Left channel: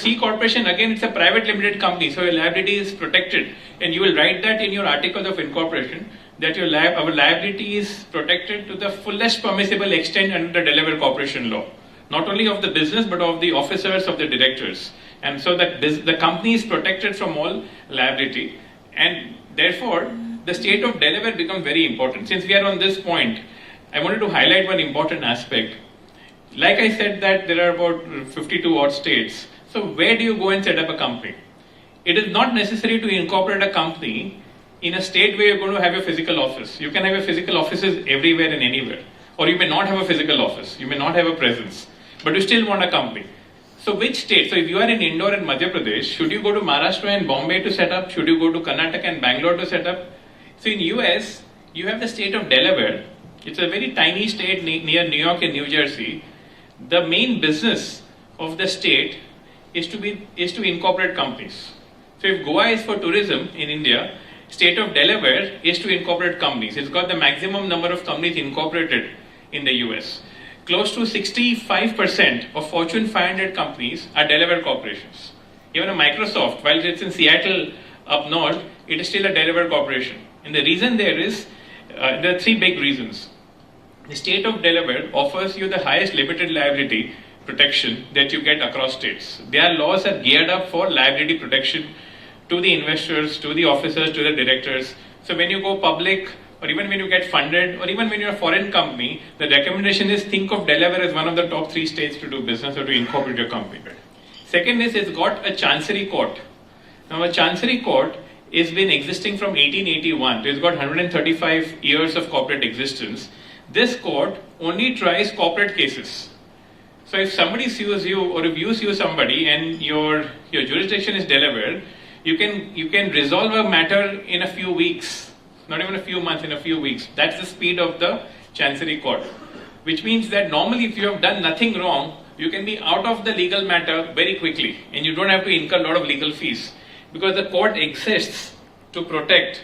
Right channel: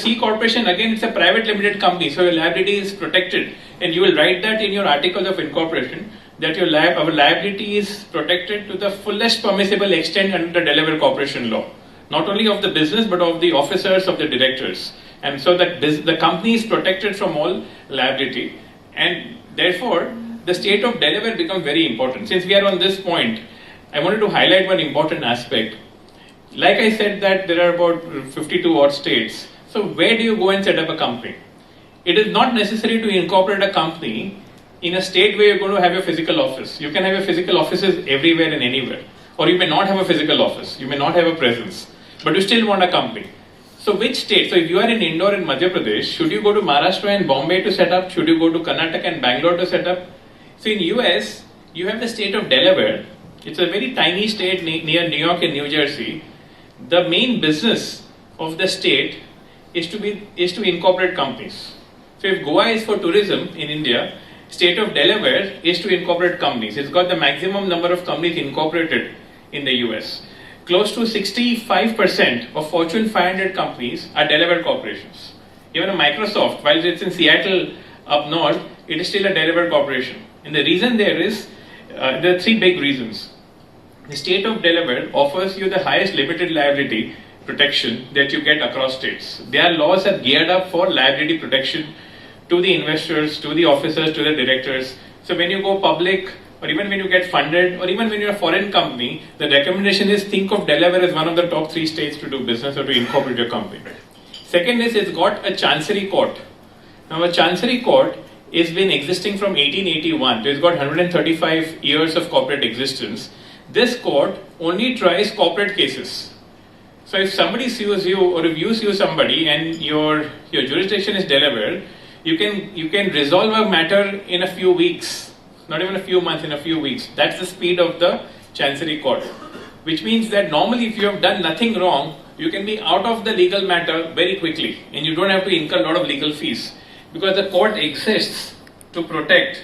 C corporation, again, it's a private limited company, so your liability is protected. And you will write that in your articles of incorporation, that our liability is protected to the fullest permissible extent under the Delaware Corporation Law. Not only of the business, but of the officers, of the directors. And so that the company is protected from all liability. And therefore, the state of Delaware becomes very important. Since we are on this point, I wanted to highlight one important aspect. Like I said that there are about 52 odd states. So where do you go and set up a company? It is not necessary to incorporate a company in a state where you're going to have a physical office. You can have a physical offices everywhere and anywhere. Or you may not have a physical office. You may not have a presence. But you still want a company. So which state? So if you are in Indore and Madhya Pradesh, should you go to Maharashtra and Bombay to set up? Should you go to Karnataka and Bangalore to set up? So in US, you have the state of Delaware. It's a very tiny state near New York and New Jersey. The main business of the state is to incorporate companies. So if Goa is for tourism in India, state of Delaware is to incorporate companies. It's got the maximum number of companies incorporated in the US. Close to 65% of Fortune 500 companies are Delaware corporations. Even a Microsoft, while it's in Seattle up north, it is still a Delaware corporation. And the reason there are three big reasons. The state of Delaware offers you the highest limited liability protection that you get across states. Their laws are geared up for liability protection to the investors, to the officers, to the directors. So when you go public, or even when you get funded, or even when you're a foreign company, the recommendation is think of Delaware as one of the top 3 states to do business or to incorporate your company. Second is it's got a chancery court. Now a chancery court has been existing from 1881. So it's got 135 years of corporate existence. This court only tries corporate cases. So if somebody sues you, or if you sue somebody and your jurisdiction is Delaware, you can resolve a matter in a few weeks. Not even a few months, in a few weeks. That's the speed of the Chancery Court. Which means that normally if you have done nothing wrong, you can be out of the legal matter very quickly. And you don't have to incur a lot of legal fees. Because the court exists to protect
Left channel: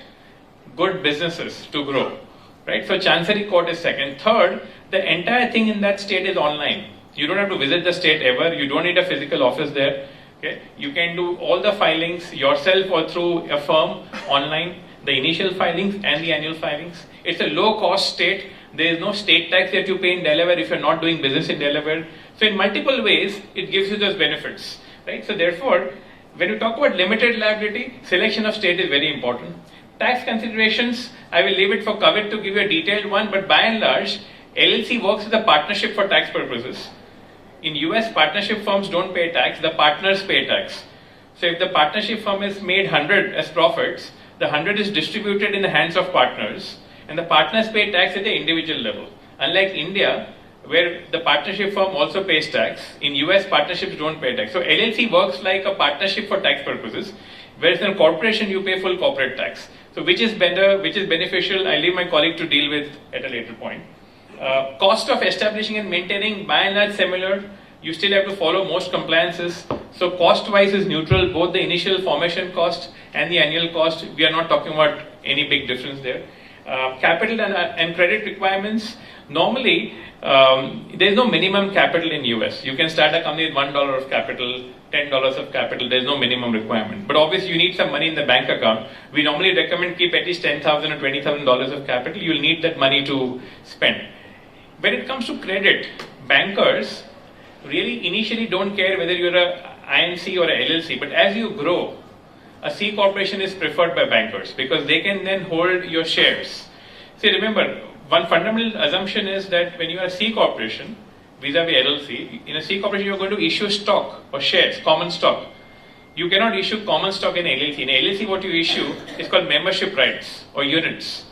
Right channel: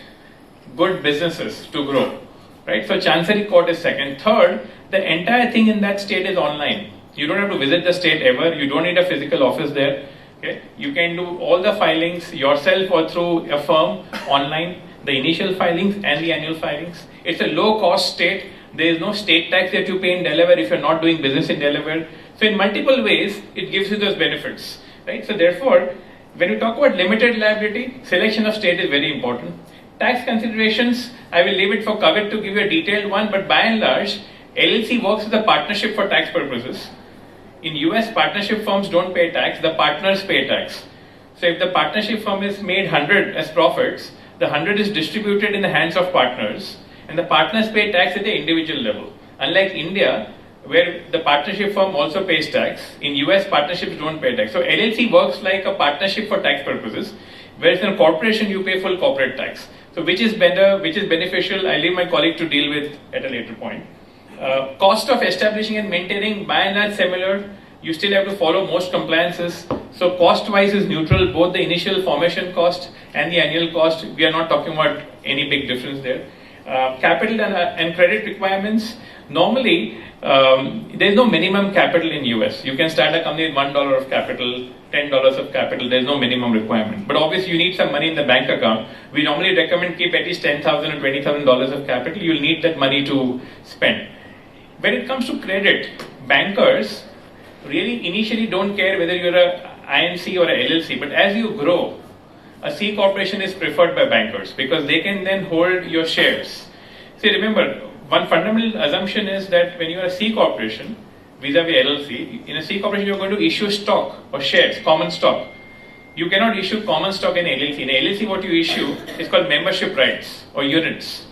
good businesses to grow. Right? So Chancery Court is second. Third, the entire thing in that state is online. You don't have to visit the state ever. You don't need a physical office there. Okay? You can do all the filings yourself or through a firm online. The initial filings and the annual filings. It's a low-cost state. There is no state tax that you pay in Delaware if you're not doing business in Delaware. So in multiple ways, it gives you those benefits. Right? So therefore, when you talk about limited liability, selection of state is very important. Tax considerations, I will leave it for Kavit to give you a detailed one, but by and large, LLC works as a partnership for tax purposes. In US, partnership firms don't pay tax, the partners pay tax. So if the partnership firm has made 100 as profits, the 100 is distributed in the hands of partners, and the partners pay tax at the individual level. Unlike India, where the partnership firm also pays tax, in US partnerships don't pay tax. So LLC works like a partnership for tax purposes, whereas in a corporation you pay full corporate tax. So which is better, which is beneficial, I leave my colleague to deal with at a later point. Cost of establishing and maintaining by and large similar. You still have to follow most compliances. So cost-wise is neutral, both the initial formation cost and the annual cost. We are not talking about any big difference there. Capital and credit requirements. Normally, there is no minimum capital in US. You can start a company with $1 of capital, $10 of capital. There is no minimum requirement. But obviously, you need some money in the bank account. We normally recommend keep at least $10,000 or $20,000 of capital. You'll need that money to spend. When it comes to credit, bankers really initially don't care whether you're a INC or a LLC, but as you grow, a C corporation is preferred by bankers because they can then hold your shares. See, remember, one fundamental assumption is that when you are a C corporation, vis-a-vis LLC, in a C corporation you're going to issue stock or shares, common stock. You cannot issue common stock in LLC. In LLC what you issue is called membership rights or units.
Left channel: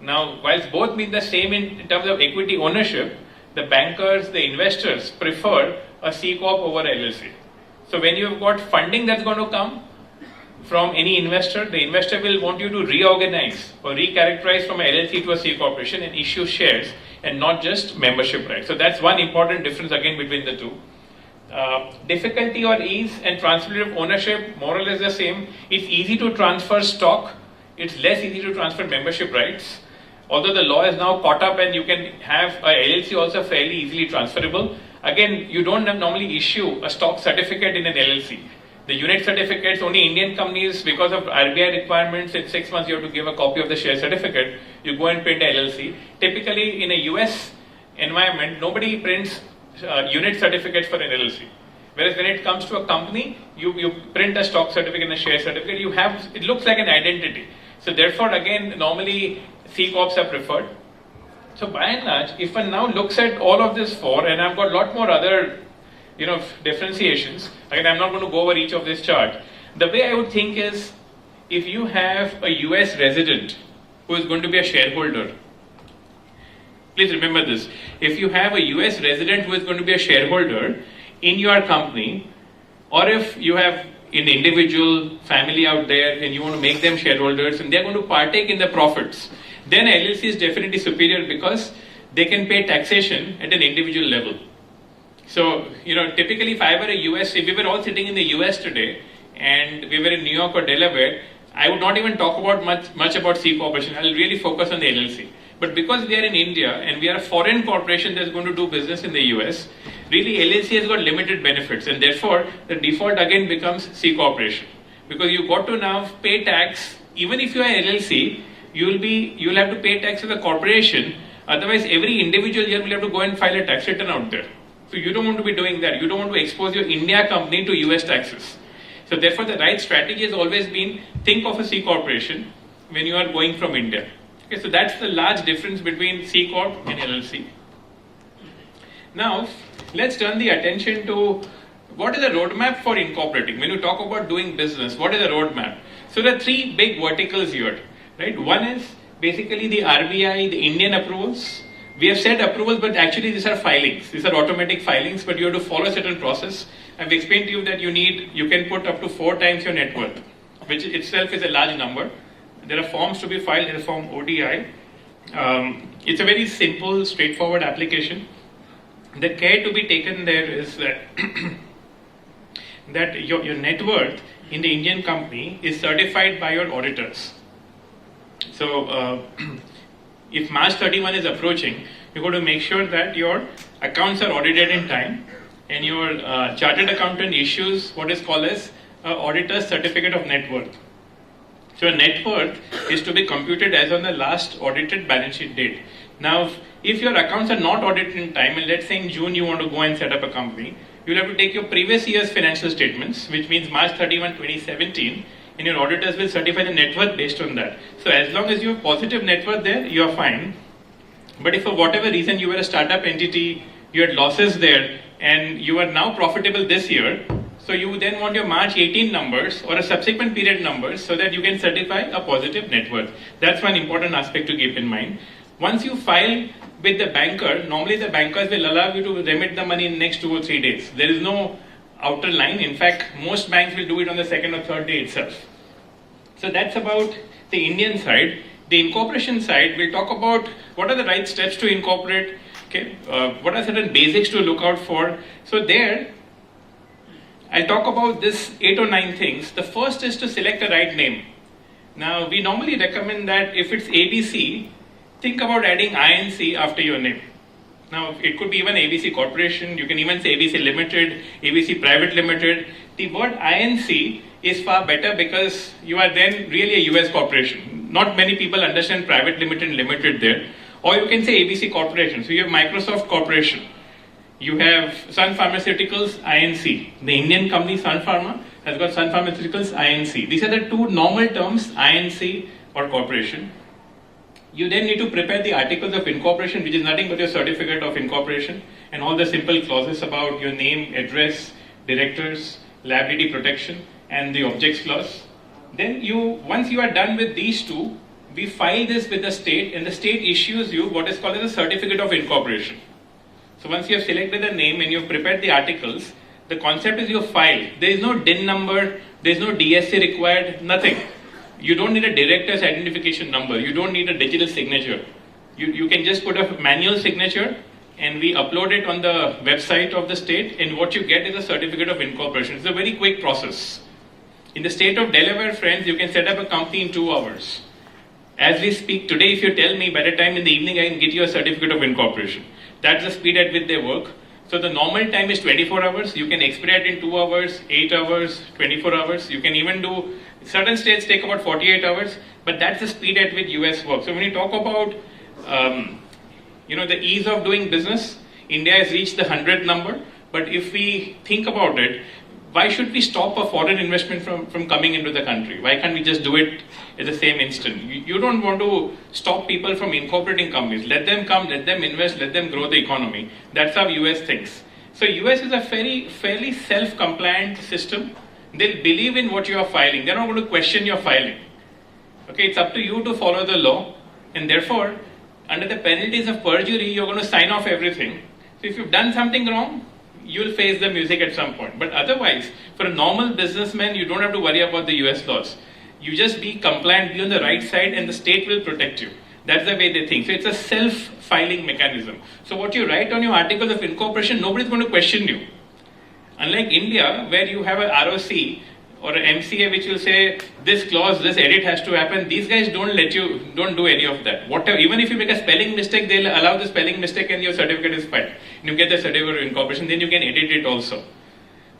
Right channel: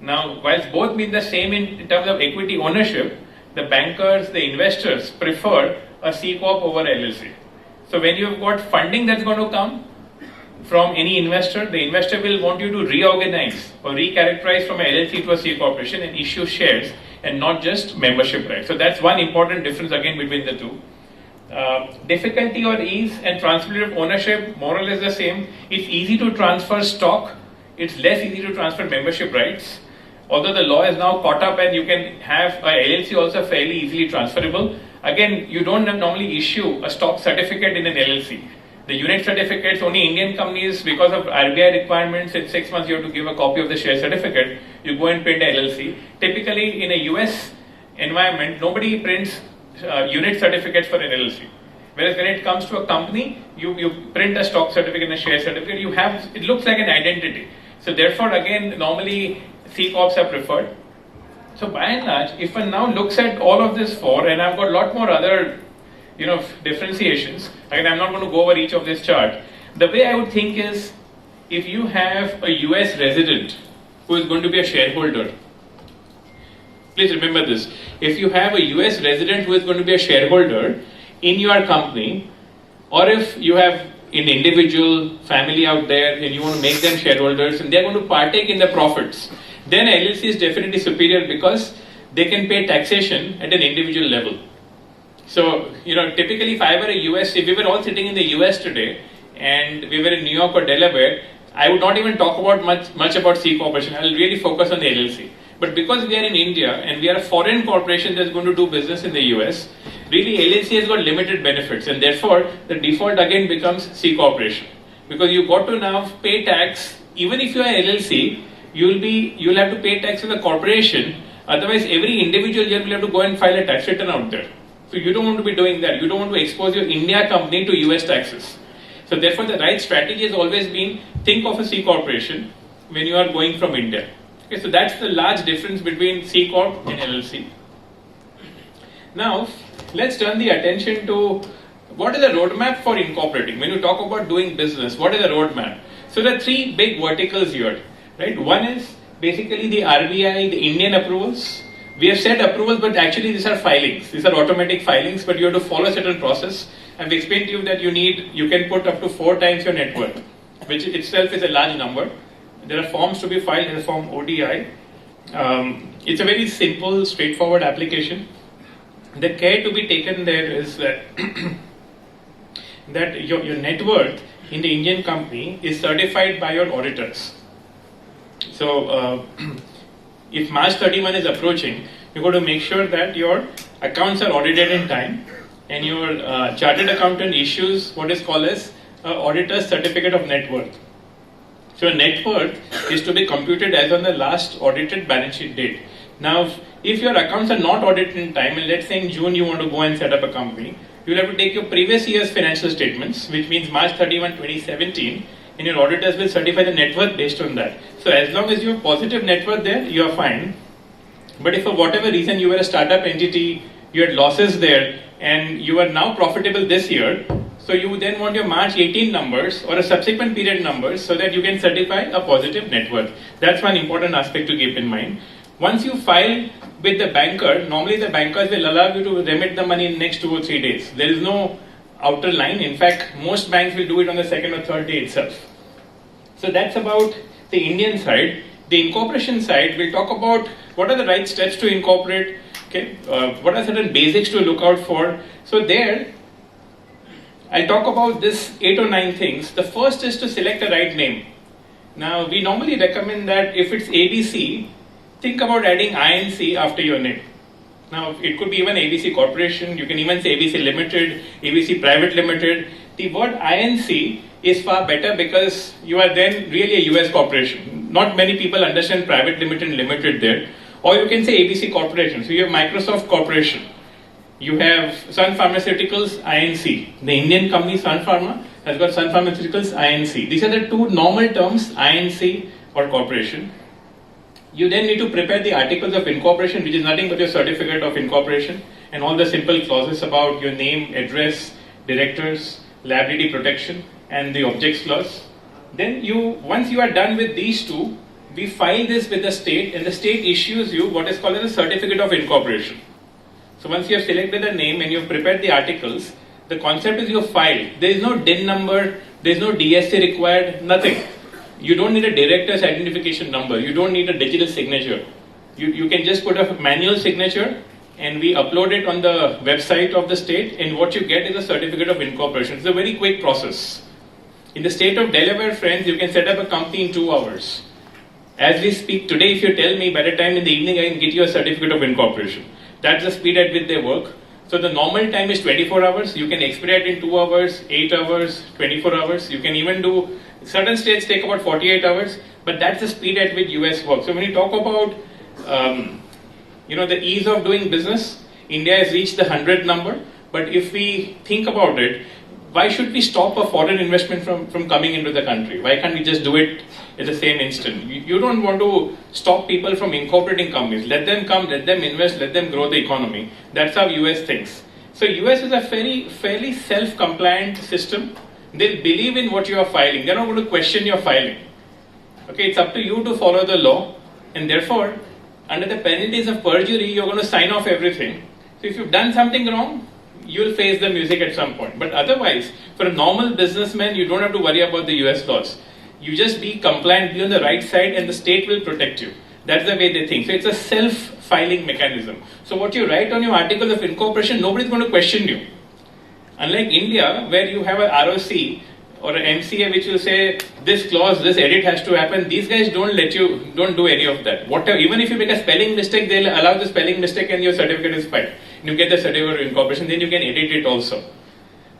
Now, whilst both mean the same in terms of equity ownership, the bankers, the investors prefer a C Corp over LLC. So when you've got funding that's going to come from any investor, the investor will want you to reorganize or recharacterize from a LLC to a C Corporation and issue shares and not just membership rights. So that's one important difference again between the two. Difficulty or ease and transferability of ownership, more or less the same. It's easy to transfer stock. It's less easy to transfer membership rights. Although the law is now caught up and you can have a LLC also fairly easily transferable. Again, you don't normally issue a stock certificate in an LLC. The unit certificates, only Indian companies, because of RBI requirements, in 6 months you have to give a copy of the share certificate. You go and print a LLC. Typically, in a US environment, nobody prints unit certificates for an LLC. Whereas when it comes to a company, you print a stock certificate and a share certificate. It looks like an identity. So therefore, again, normally C Corps are preferred. So by and large, if one now looks at all of this four, and I've got a lot more other, differentiations, and I'm not going to go over each of this chart. The way I would think is, if you have a US resident who is going to be a shareholder, please remember this. If you have a US resident who is going to be a shareholder in your company, or if you have an individual family out there and you want to make them shareholders and they're going to partake in the profits, then LLC is definitely superior because they can pay taxation at an individual level. So, typically if we were all sitting in the US today and we were in New York or Delaware, I would not even talk about much about C corporation. I will really focus on the LLC. But because we are in India and we are a foreign corporation that's going to do business in the US, really LLC has got limited benefits, and therefore the default again becomes C corporation. Because you've got to now pay tax, even if you are LLC, you'll have to pay tax to the corporation. Otherwise, every individual here will have to go and file a tax return out there. So you don't want to be doing that. You don't want to expose your India company to US taxes. So therefore, the right strategy has always been, think of a C corporation when you are going from India. Okay, so that's the large difference between C Corp and LLC. Now, let's turn the attention to what is the roadmap for incorporating. When you talk about doing business, what is the roadmap? So there are three big verticals here, right? One is basically the RBI, the Indian approvals. We have said approvals, but actually these are filings. These are automatic filings, but you have to follow a certain process. I've explained to you that you can put up to 4 times your net worth, which itself is a large number. There are forms to be filed in the form ODI. It's a very simple, straightforward application. The care to be taken there is that that your net worth in the Indian company is certified by your auditors. So if March 31 is approaching, you've got to make sure that your accounts are audited in time, and your chartered accountant issues what is called as auditor's certificate of net worth. So a net worth is to be computed as on the last audited balance sheet date. Now, if your accounts are not audited in time, and let's say in June you want to go and set up a company, you'll have to take your previous year's financial statements, which means March 31, 2017, and your auditors will certify the net worth based on that. So as long as you have positive net worth there, you are fine. But if for whatever reason you were a startup entity, you had losses there, and you are now profitable this year, so you then want your March 18 numbers or a subsequent period numbers so that you can certify a positive net worth. That's one important aspect to keep in mind. Once you file with the banker, normally the bankers will allow you to remit the money in the next 2 or 3 days. There is no outer line. In fact, most banks will do it on the second or third day itself. So that's about the Indian side. The incorporation side, we'll talk about what are the right steps to incorporate, okay? What are certain basics to look out for. So there, I'll talk about this 8 or 9 things. The first is to select the right name. Now, we normally recommend that if it's ABC, think about adding INC after your name. Now, it could be even ABC Corporation, you can even say ABC Limited, ABC Private Limited. The word INC is far better because you are then really a US corporation. Not many people understand Private Limited and Limited there. Or you can say ABC Corporation. So you have Microsoft Corporation. You have Sun Pharmaceuticals, INC. The Indian company Sun Pharma has got Sun Pharmaceuticals, INC. These are the two normal terms, INC or corporation. You then need to prepare the articles of incorporation, which is nothing but your certificate of incorporation and all the simple clauses about your name, address, directors, liability protection, and the objects clause. Then once you are done with these two, we file this with the state, and the state issues you what is called as a certificate of incorporation. So once you have selected the name and you have prepared the articles, the concept is you file. There is no DIN number, there is no DSC required, nothing. You don't need a director's identification number. You don't need a digital signature. You can just put a manual signature and we upload it on the website of the state, and what you get is a certificate of incorporation. It's a very quick process. In the state of Delaware, friends, you can set up a company in 2 hours. As we speak today, if you tell me by the time in the evening I can get you a certificate of incorporation. That's the speed at which they work. So the normal time is 24 hours. You can expedite in 2 hours, 8 hours, 24 hours. You can even do, certain states take about 48 hours, but that's the speed at which US works. So when you talk about, the ease of doing business, India has reached the 100 number. But if we think about it, why should we stop a foreign investment from coming into the country? Why can't we just do it at the same instant? You don't want to stop people from incorporating companies. Let them come, let them invest, let them grow the economy. That's how US thinks. So US is a fairly self-compliant system. They'll believe in what you are filing. They're not going to question your filing. Okay, it's up to you to follow the law, and therefore, under the penalties of perjury, you're going to sign off everything. So if you've done something wrong, you'll face the music at some point. But otherwise, for a normal businessman, you don't have to worry about the US laws. You just be compliant, be on the right side, and the state will protect you. That's the way they think. So it's a self-filing mechanism. So what you write on your articles of incorporation, nobody's going to question you. Unlike India, where you have a ROC or an MCA which will say, this clause, this edit has to happen, these guys don't do any of that. Whatever, even if you make a spelling mistake, they'll allow the spelling mistake and your certificate is filed. You get the certificate of incorporation, then you can edit it also.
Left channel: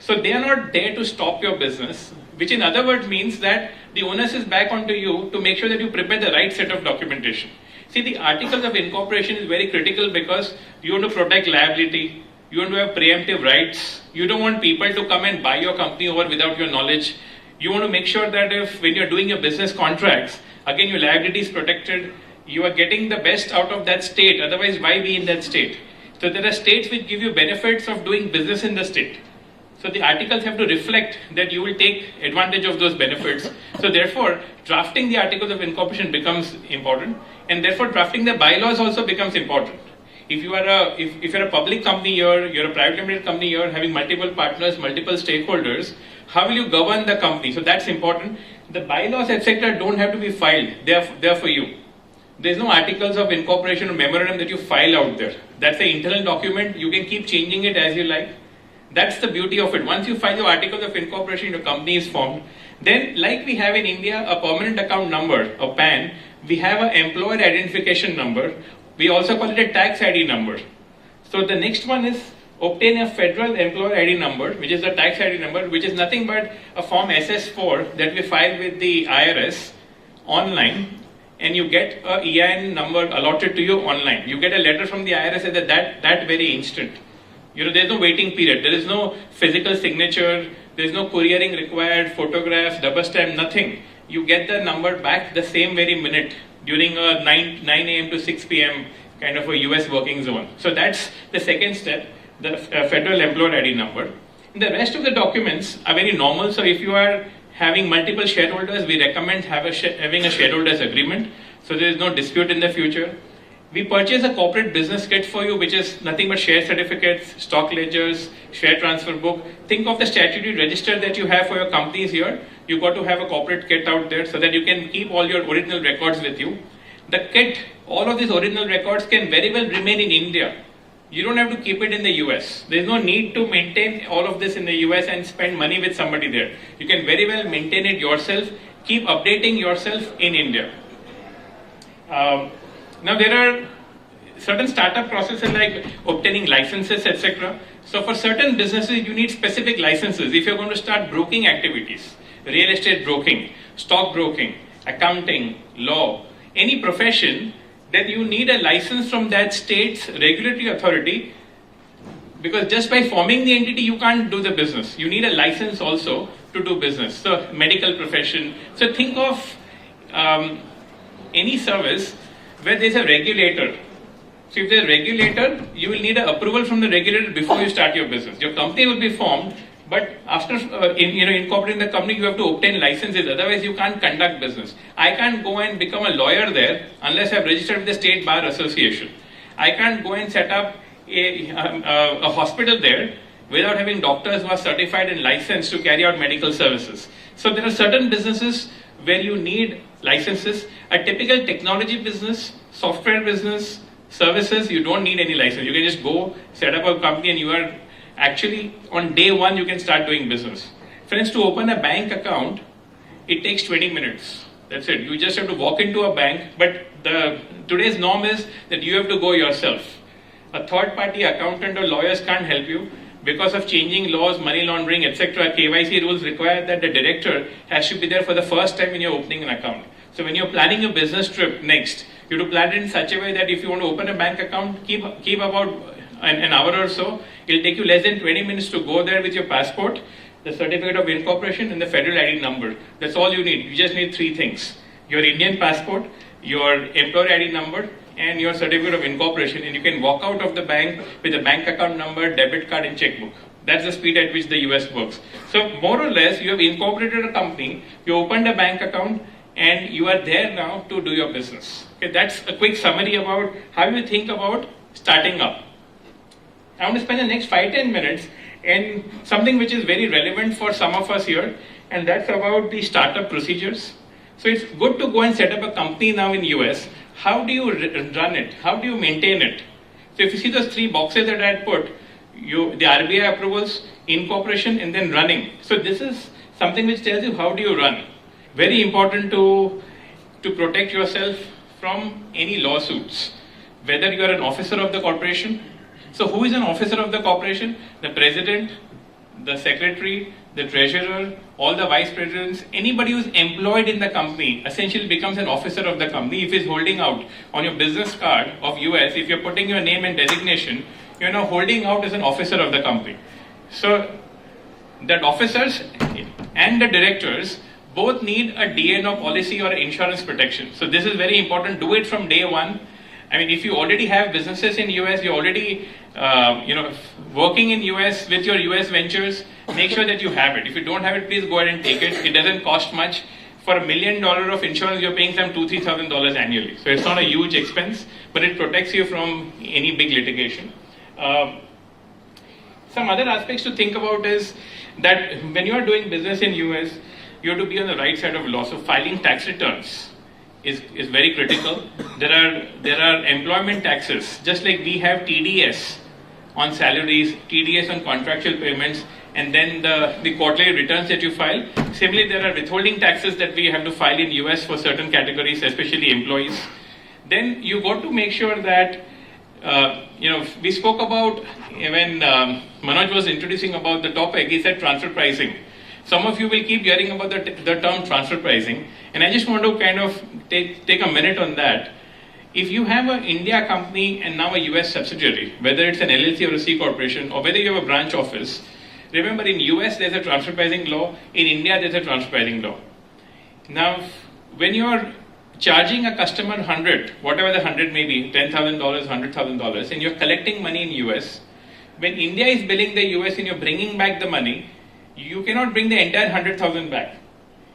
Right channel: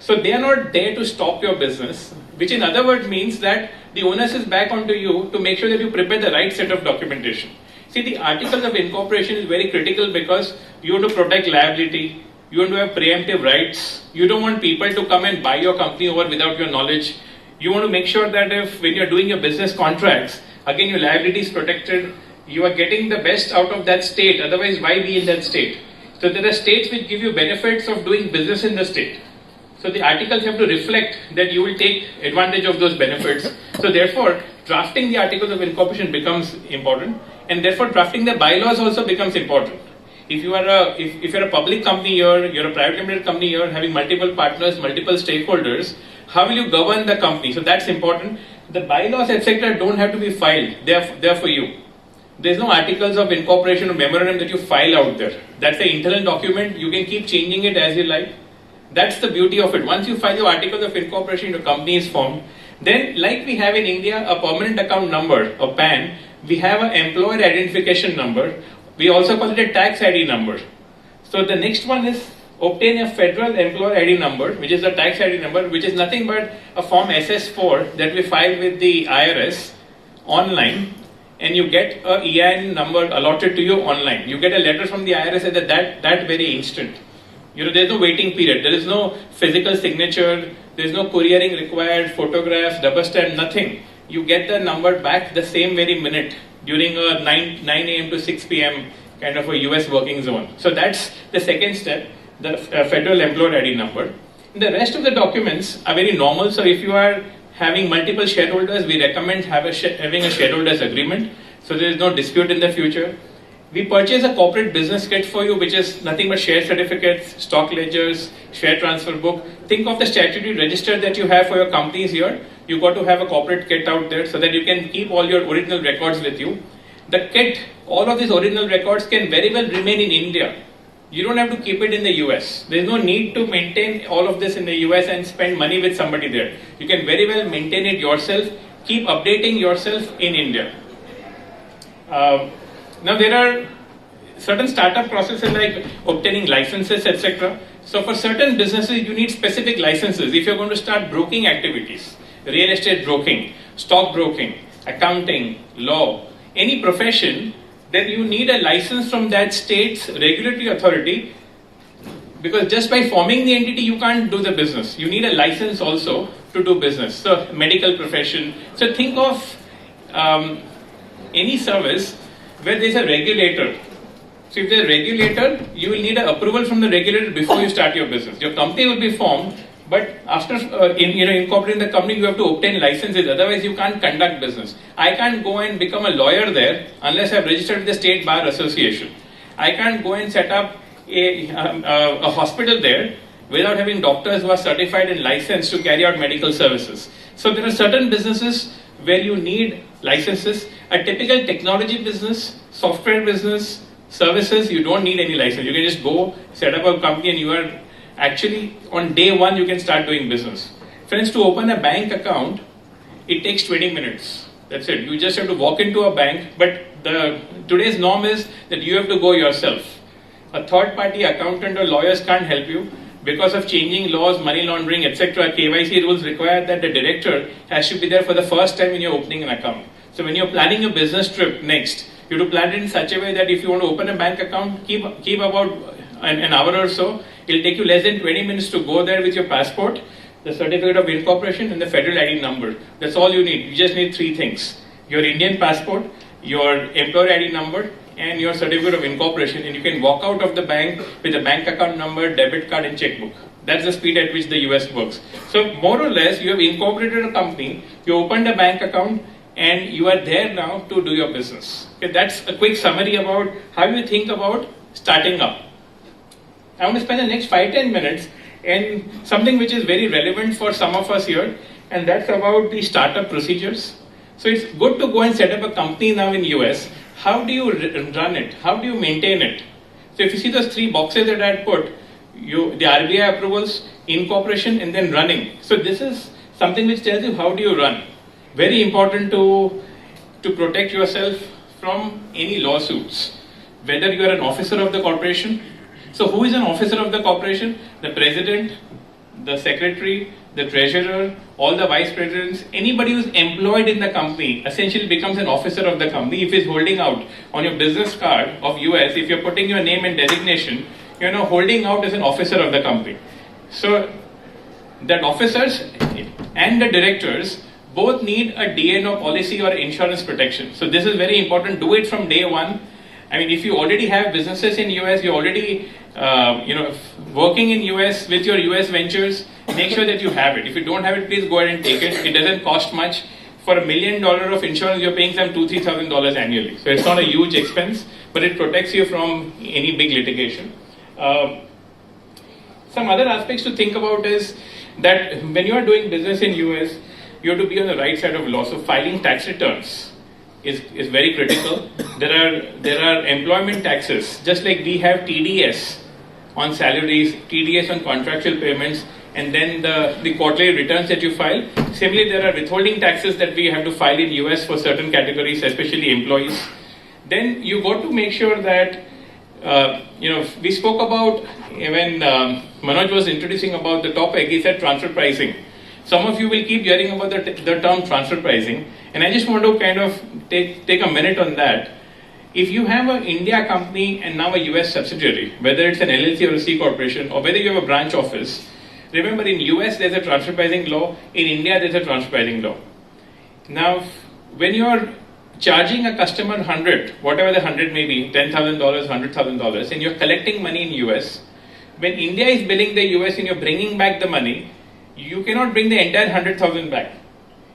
So they are not there to stop your business, which in other words means that the onus is back onto you to make sure that you prepare the right set of documentation. See, the articles of incorporation is very critical because you want to protect liability, you want to have preemptive rights, you don't want people to come and buy your company over without your knowledge. You want to make sure that when you're doing your business contracts, again your liability is protected, you are getting the best out of that state, otherwise why be in that state? So there are states which give you benefits of doing business in the state. So the articles have to reflect that you will take advantage of those benefits. So therefore, drafting the articles of incorporation becomes important, and therefore drafting the bylaws also becomes important. If you are if you're a public company, you're a private limited company, you're having multiple partners, multiple stakeholders, how will you govern the company? So that's important. The bylaws, etc., don't have to be filed. They're for you. There's no articles of incorporation or memorandum that you file out there. That's an internal document. You can keep changing it as you like. That's the beauty of it. Once you file your articles of incorporation, your company is formed. Then, like we have in India, a permanent account number, a PAN, we have an employer identification number. We also call it a tax ID number. So the next one is obtain a federal employer ID number, which is the tax ID number, which is nothing but a form SS4 that we file with the IRS online, and you get a EIN number allotted to you online. You get a letter from the IRS at that very instant. There's no waiting period. There is no physical signature. There's no couriering required, photographs, double stamp, nothing. You get the number back the same very minute during a 9 a.m. to 6 p.m. kind of a US working zone. So that's the second step, the federal employer ID number. The rest of the documents are very normal. So if you are having multiple shareholders, we recommend having a shareholders agreement. So there is no dispute in the future. We purchase a corporate business kit for you, which is nothing but share certificates, stock ledgers, share transfer book. Think of the statutory register that you have for your companies here. You've got to have a corporate kit out there so that you can keep all your original records with you. The kit, all of these original records can very well remain in India. You don't have to keep it in the US. There's no need to maintain all of this in the US and spend money with somebody there. You can very well maintain it yourself, keep updating yourself in India. Now there are certain startup processes like obtaining licenses, etc. So for certain businesses, you need specific licenses. If you're going to start broking activities, real estate broking, stock broking, accounting, law, any profession, then you need a license from that state's regulatory authority, because just by forming the entity, you can't do the business. You need a license also to do business. So medical profession. So think of any service where there's a regulator. So if there's a regulator, you will need an approval from the regulator before you start your business. Your company will be formed, but after incorporating the company, you have to obtain licenses. Otherwise, you can't conduct business. I can't go and become a lawyer there unless I've registered with the State Bar Association. I can't go and set up a hospital there without having doctors who are certified and licensed to carry out medical services. So there are certain businesses where you need licenses. A typical technology business, software business, services, you don't need any license. You can just go set up a company and you are actually on day one you can start doing business. Friends, to open a bank account, it takes 20 minutes. That's it. You just have to walk into a bank, but today's norm is that you have to go yourself. A third party accountant or lawyers can't help you. Because of changing laws, money laundering, etc., KYC rules require that the director has to be there for the first time when you're opening an account. So when you're planning a business trip next, you have to plan it in such a way that if you want to open a bank account, keep about an hour or so. It'll take you less than 20 minutes to go there with your passport, the certificate of incorporation, and the federal ID number. That's all you need. You just need three things: your Indian passport, your employer ID number, and your certificate of incorporation, and you can walk out of the bank with a bank account number, debit card, and checkbook. That's the speed at which the US works. So more or less, you have incorporated a company, you opened a bank account, and you are there now to do your business. Okay, that's a quick summary about how you think about starting up. I want to spend the next 5-10 minutes in something which is very relevant for some of us here, and that's about the startup procedures. So it's good to go and set up a company now in US. How do you run it? How do you maintain it? So if you see those three boxes that I had put, the RBI approvals, incorporation, and then running. So this is something which tells you how do you run. Very important to protect yourself from any lawsuits. Whether you are an officer of the corporation. So who is an officer of the corporation? The president, the secretary, the treasurer, all the vice presidents, anybody who is employed in the company essentially becomes an officer of the company. If he's holding out on your business card of US, if you're putting your name and designation, you're now holding out as an officer of the company. So that officers and the directors both need a DNO policy or insurance protection. So this is very important. Do it from day one. I mean, if you already have businesses in US, you're already working in US with your US ventures, make sure that you have it. If you don't have it, please go ahead and take it. It doesn't cost much. For $1 million of insurance, you're paying some $2,000-3,000 annually. So it's not a huge expense, but it protects you from any big litigation. Some other aspects to think about is that when you are doing business in US, you have to be on the right side of law. So filing tax returns is very critical. There are employment taxes, just like we have TDS on salaries, TDS on contractual payments, and then the quarterly returns that you file. Similarly, there are withholding taxes that we have to file in US for certain categories, especially employees. Then you got to make sure that we spoke about when Manoj was introducing about the topic. He said transfer pricing. Some of you will keep hearing about the term transfer pricing, and I just want to kind of take a minute on that. If you have an India company and now a US subsidiary, whether it's an LLC or a C corporation, or whether you have a branch office, remember in US there's a transfer pricing law, in India there's a transfer pricing law. Now, when you're charging a customer 100, whatever the 100 may be, $10,000, $100,000, and you're collecting money in US, when India is billing the US and you're bringing back the money, you cannot bring the entire 100,000 back.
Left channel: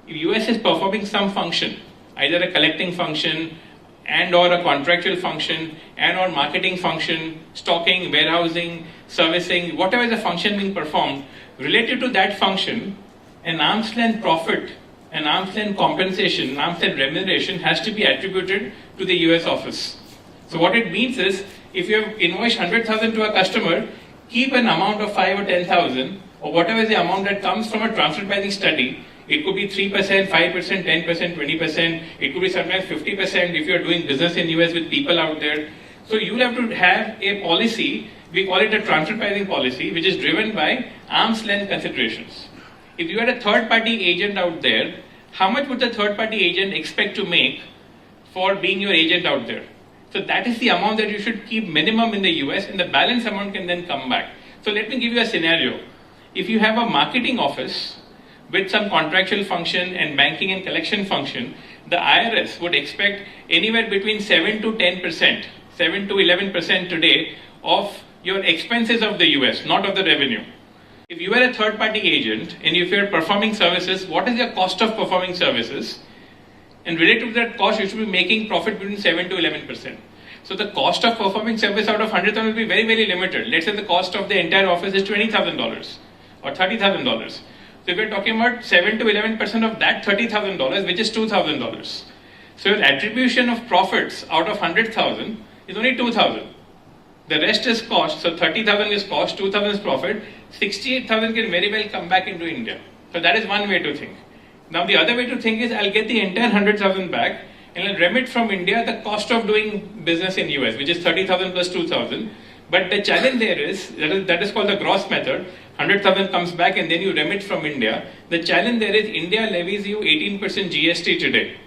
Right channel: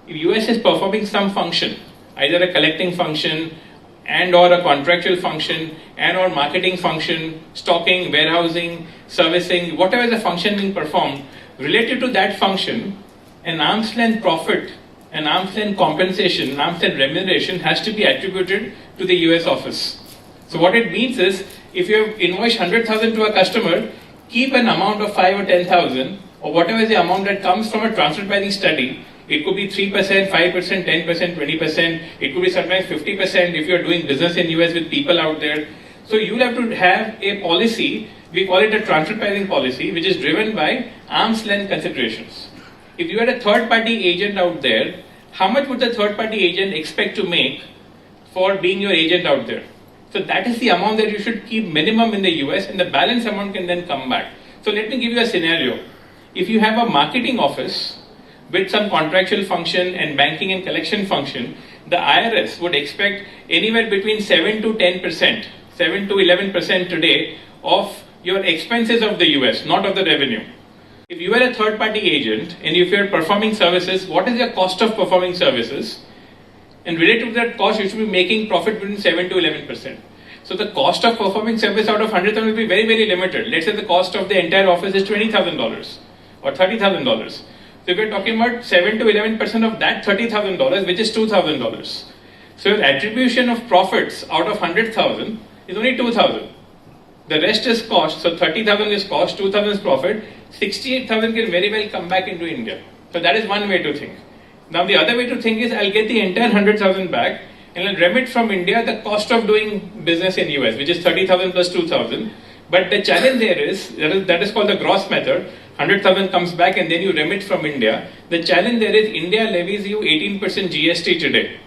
If US is performing some function, either a collecting function and or a contractual function and or marketing function, stocking, warehousing, servicing, whatever the function being performed, related to that function, an arm's length profit, an arm's length compensation, an arm's length remuneration has to be attributed to the US office. So what it means is, if you have invoiced 100,000 to a customer, keep an amount of 5 or 10,000, or whatever is the amount that comes from a transfer pricing study. It could be 3%, 5%, 10%, 20%. It could be sometimes 50% if you are doing business in US with people out there. So you have to have a policy, we call it a transfer pricing policy, which is driven by arm's length considerations. If you had a third party agent out there, how much would the third party agent expect to make for being your agent out there? So that is the amount that you should keep minimum in the US, and the balance amount can then come back. So let me give you a scenario. If you have a marketing office with some contractual function and banking and collection function, the IRS would expect anywhere between 7 to 10%, 7 to 11% today of your expenses of the US, not of the revenue. If you are a third party agent and if you are performing services, what is your cost of performing services? And related to that cost, you should be making profit between 7 to 11%. So the cost of performing service out of 100,000 will be very, very limited. Let's say the cost of the entire office is $20,000 or $30,000. So if you're talking about 7 to 11% of that $30,000, which is $2,000. So your attribution of profits out of 100,000 is only 2,000. The rest is cost. So 30,000 is cost, 2,000 is profit. 68,000 can very well come back into India. So that is one way to think. Now the other way to think is I'll get the entire 100,000 back and I'll remit from India the cost of doing business in US, which is 30,000 plus 2,000. But the challenge there is, that is called the gross method. 100,000 comes back and then you remit from India. The challenge there is India levies you 18% GST today.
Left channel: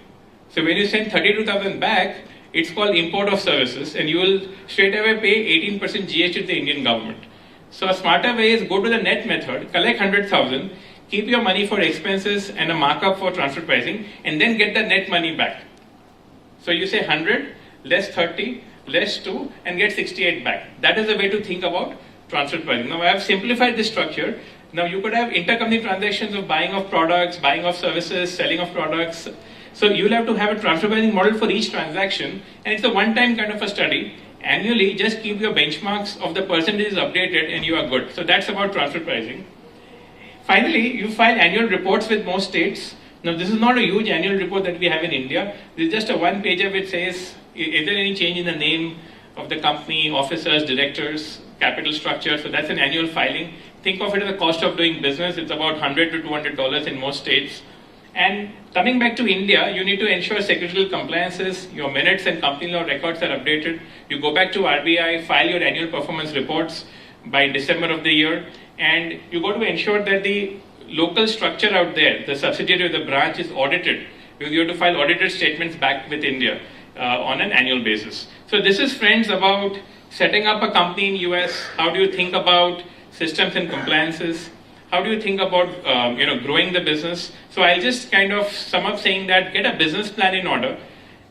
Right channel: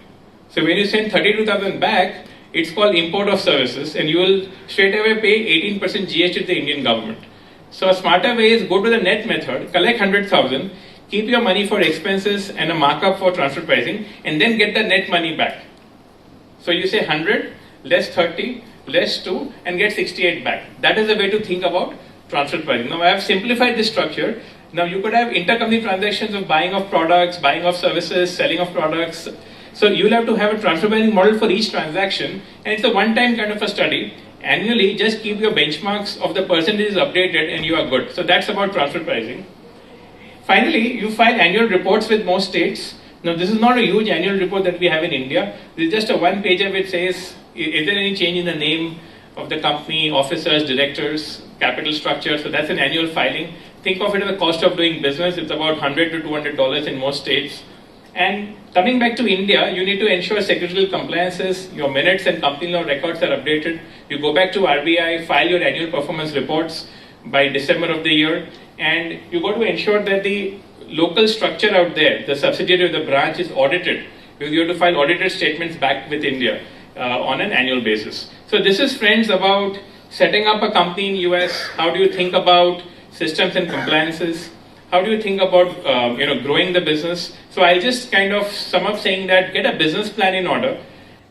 So when you send 32,000 back, it's called import of services, and you will straight away pay 18% GST to the Indian government. So a smarter way is go to the net method, collect 100,000, keep your money for expenses and a markup for transfer pricing, and then get the net money back. So you say 100 less 30 less 2 and get 68 back. That is the way to think about transfer pricing. Now I have simplified this structure. Now you could have intercompany transactions of buying of products, buying of services, selling of products. So you'll have to have a transfer pricing model for each transaction, and it's a one-time kind of a study. Annually, just keep your benchmarks of the percentages updated and you are good. So that's about transfer pricing. Finally, you file annual reports with most states. Now this is not a huge annual report that we have in India. This is just a one pager which says, is there any change in the name of the company, officers, directors, capital structure? So that's an annual filing. Think of it as the cost of doing business. It's about $100 to $200 in most states. And coming back to India, you need to ensure secretarial compliances, your minutes and company law records are updated. You go back to RBI, file your annual performance reports by December of the year, and you got to ensure that the local structure out there, the subsidiary of the branch, is audited. You have to file audited statements back with India on an annual basis. So this is, friends, about setting up a company in US. How do you think about systems and compliances? How do you think about growing the business? So I'll just kind of sum up saying that get a business plan in order.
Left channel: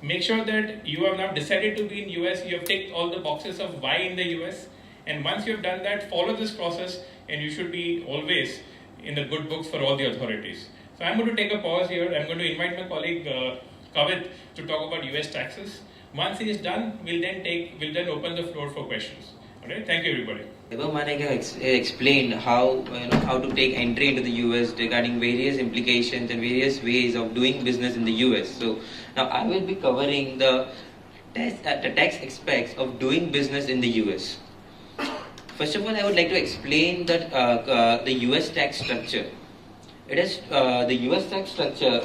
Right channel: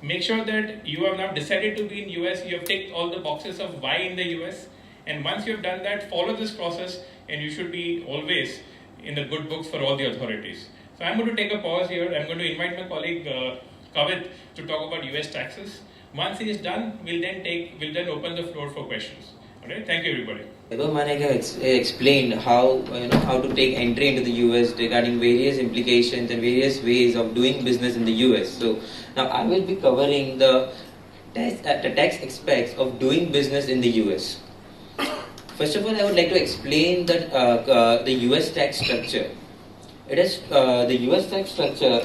Make sure that you have now decided to be in US. You have ticked all the boxes of why in the US. And once you have done that, follow this process and you should be always in the good books for all the authorities. So I'm going to take a pause here. I'm going to invite my colleague Kavit to talk about US taxes. Once he is done, we'll then open the floor for questions. Alright, thank you everybody. Explained how to take entry into the US regarding various implications and various ways of doing business in the US. So now I will be covering the tax aspects of doing business in the US. First of all, I would like to explain that the US tax structure. It is the US tax structure.